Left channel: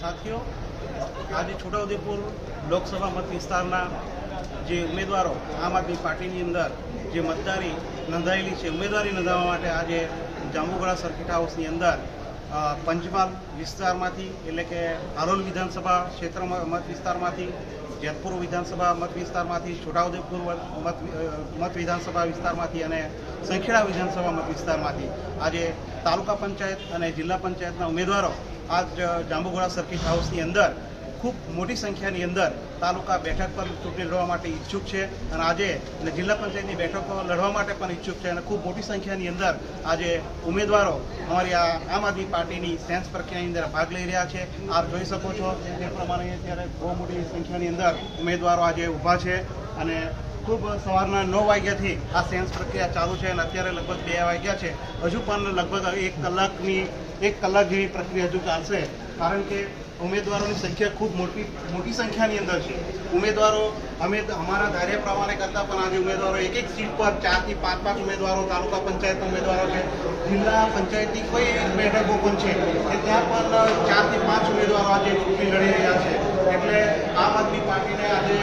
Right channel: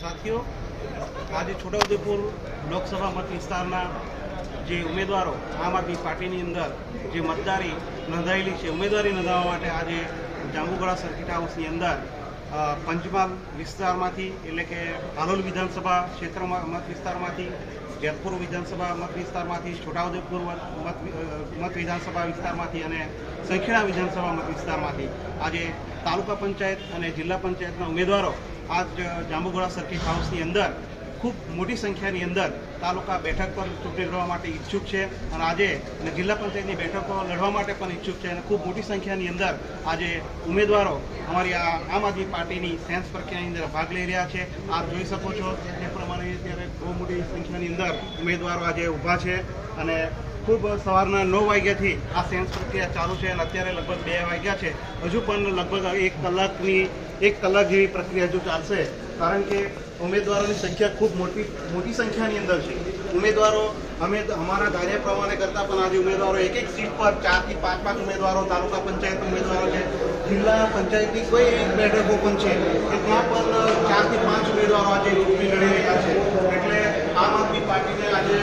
સાથીઓ, આજે છોટાઉદેપુર લોકસભા મત વિસ્તારના જે ઉમેદવારો આમ આદમી પાર્ટીની અંદર જે મતદારી નોંધાયેલી છે, ઉમેદવારી નોંધાવવા માટે આજે જાંબુઘોડા સર્કિટ હાઉસની અંદર પંચમહાલ વિસ્તારમાંથી એટલે કે હાલોલ વિધાનસભા ક્ષેત્રમાં મત વિસ્તારમાંથી, જેતપુર વિધાનસભા મત વિસ્તારમાંથી, છોટાઉદેપુર મત વિધાનસભા વિસ્તારમાંથી અને સંખેડા વિધાનસભા મત વિસ્તારમાંથી આજે તાલુકા પંચાયત અને જિલ્લા પંચાયતના ઉમેદવારો આ જાંબુઘોડા સર્કિટ હાઉસની અંદર ખૂબ મોટી સંખ્યાની અંદર તાલુકા બેઠક પર ચૂંટણી લડવા માટે ઈચ્છુક છે અને આજે જિલ્લા પંચાયતની બેઠકો લડવા માટે પણ ઈચ્છુક છે અને ખૂબ મોટી સંખ્યાની અંદર આજે ઉમેદવારો અમારી આ આમ આદમી પાર્ટીની સેન્સ પ્રક્રિયાની અંદર ભાગ લઈ રહ્યા છે. આપ જોઈ શકો છો એ પ્રમાણે અત્યારે બહુ મોટી સંખ્યાની અંદર ઉમેદવારો આજે ઊભા છે અને ખૂબ સવારના 9 વાગ્યાથી આ સેન્સ પ્રક્રિયા ચાલુ છે અને અત્યારે લગભગ 2 વાગ્યા છે. હજુ પણ લગભગ 1 કલાક જેવી પ્રક્રિયા હજુ ચાલશે, કારણ કે ઉમેદવારોની સંખ્યા ખૂબ મોટી સંખ્યાની અંદર છે. ઉમેદવારો અમે અમારા કાર્ય પ્રમાણે કરતાં પણ આજે ઉમેદવારો એક સીટ પર 4 થી 5 ઉમેદવારો તાલુકા પંચાયતના ઉમેદવારો છે. જિલ્લા પંચાયતની કોઈ એક બેઠકો પણ છે કે ત્યાં પણ 4 થી 5 ઉમેદવારો આજે ચૂંટણી લડી રહ્યા છે. એટલે આમ આદમી પાર્ટીને આજે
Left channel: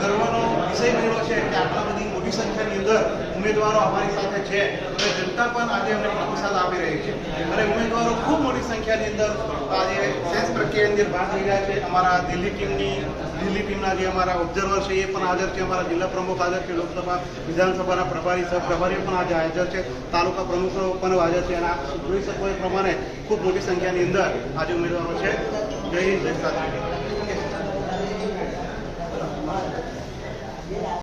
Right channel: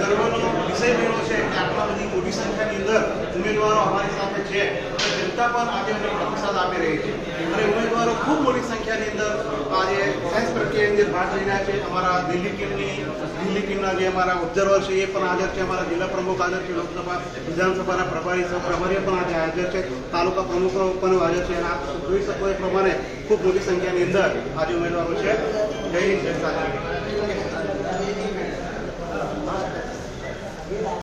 ગર્વનો વિષય બન્યો છે કે આટલા બધી મોટી સંખ્યાની અંદર ઉમેદવારો અમારી સાથે છે અને જનતા પણ આજે અમને પ્રતિસાદ આપી રહી છે અને ઉમેદવારો ખૂબ મોટી સંખ્યાની અંદર આજે સેન્સ પ્રક્રિયાની અંદર ભાગ લઈ રહ્યા છે. અમારા દિલ્હી ટીમના જે અમારા ઓબ્ઝર્વર છે એ પણ હાજર છે, અમારા જિલ્લા પ્રમુખ હાજર છે, લોકસભા વિધાનસભાના પ્રભારી સહપ્રભારીઓ પણ આજે હાજર છે, તાલુકા પ્રમુખો પણ હાજર છે અને આપ જોઈ શકો એ પ્રમાણે ખૂબ મોટી સંખ્યાની અંદર આજે ઉમેદવારો છે. જય હિન્દ, જય સાથે.